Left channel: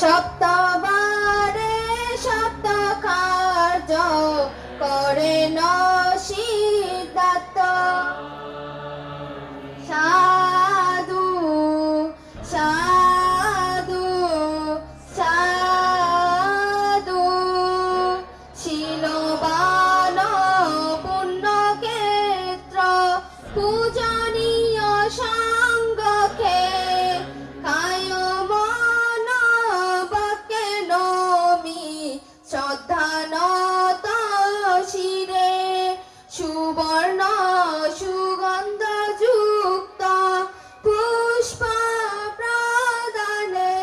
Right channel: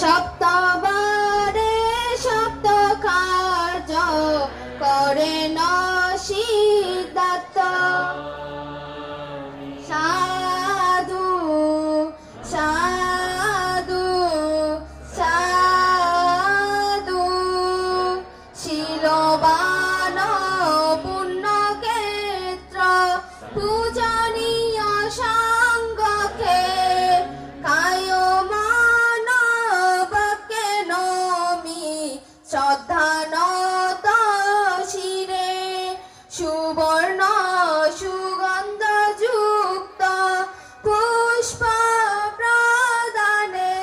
সপ্তবারে সপ্ত কার্য করেন সিদ্ধার্থ। সাধু সাধু সাধু শিলবান পুণ্যক্ষেত্র পূজনীয় সাঙ্গকে কায় মান বাক্যে নমি শ্রদ্ধানত শিরে সুবর্ণ সুগন্ধ যুক্ত পুষ্প প্রদানে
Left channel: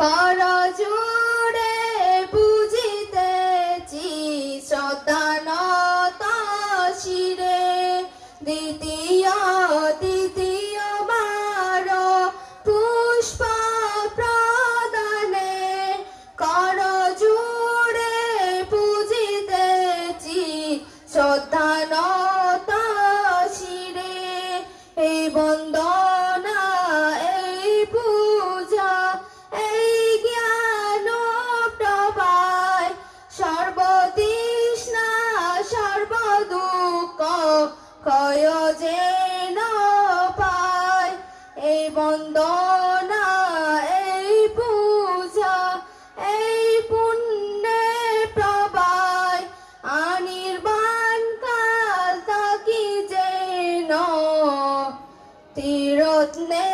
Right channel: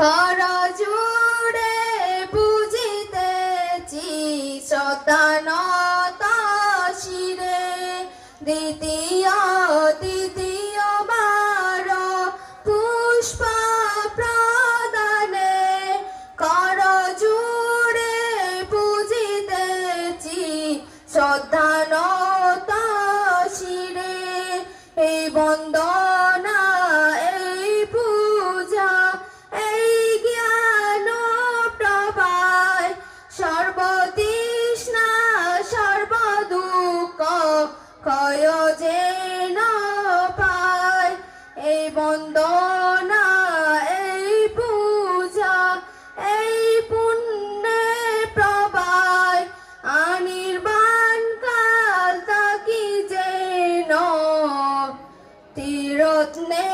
করজোড়ে বুঝিতেছি শ্রদ্ধানত শিরে দ্বিতীয়বার পুষ্প প্রদানে করজোড়ে বুঝিতেছি শ্রদ্ধানত শিরে। এই বন্দনা এই পূজা এই জ্ঞান প্রভায় সর্বতৃষ্ণা সর্বদুঃখ ক্ষয় যেন পায়। এই বন্দনা এই পূজা এই পুণ্যের প্রভায় অনির্বাণ কাল তাকি যেন তীরত্নে